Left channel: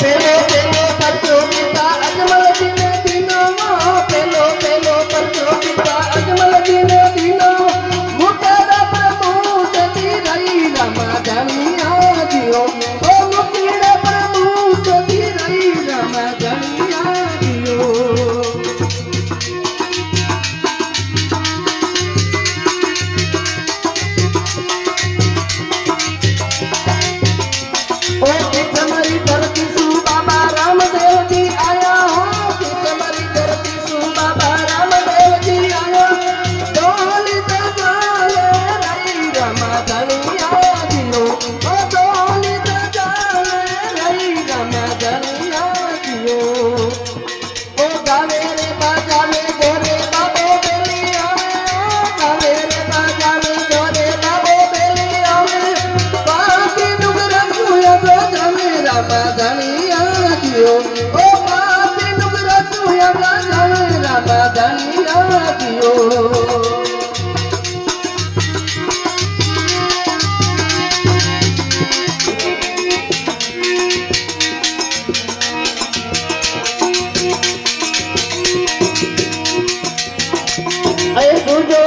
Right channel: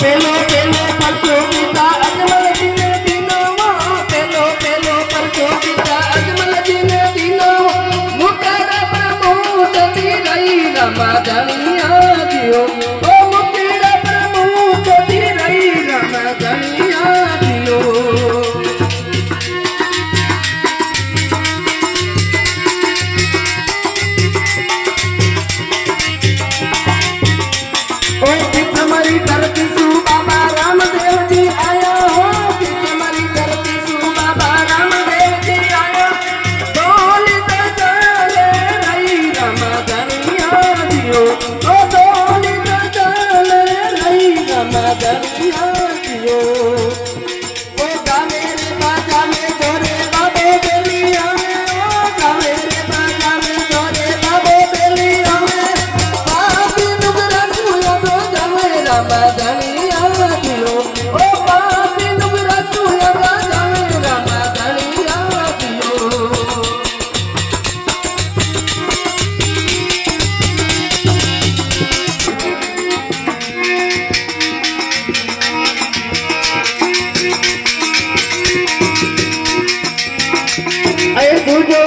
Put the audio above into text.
પેલો પેલો પરચો પિતા અજમલજીને દીનો પેલો પેલો પરચો પિતા અજમલજીને દીનો મુકેરા પ્રભુ જતી રહી રમા ધણિયા દિયો ઓ મુકેરા પ્રભુ જતી રહી રમા ધણિયા દિયો તમારી ધરતી શું બાબા રામદેવજી આયા હો તમારી ધરતી શું બાબા રામદેવજી આયા ડોલી તો ચાલે રહી રમા ધણિયા દિયો ઓ ડોલી તો ચાલે રહી રમા ધણિયા દિયો ઓ ગાવે રે બાજાવે ગોરે બાબો બેલી આવે ઓ ગાવે રે બાજાવે ગોરે બાબો બેલી આવે પાપી નુગર સુયા રમા ધણિયા દિયો ઓ પાપી નુગર સુયા રમા ધણિયા દિયો અય દુજો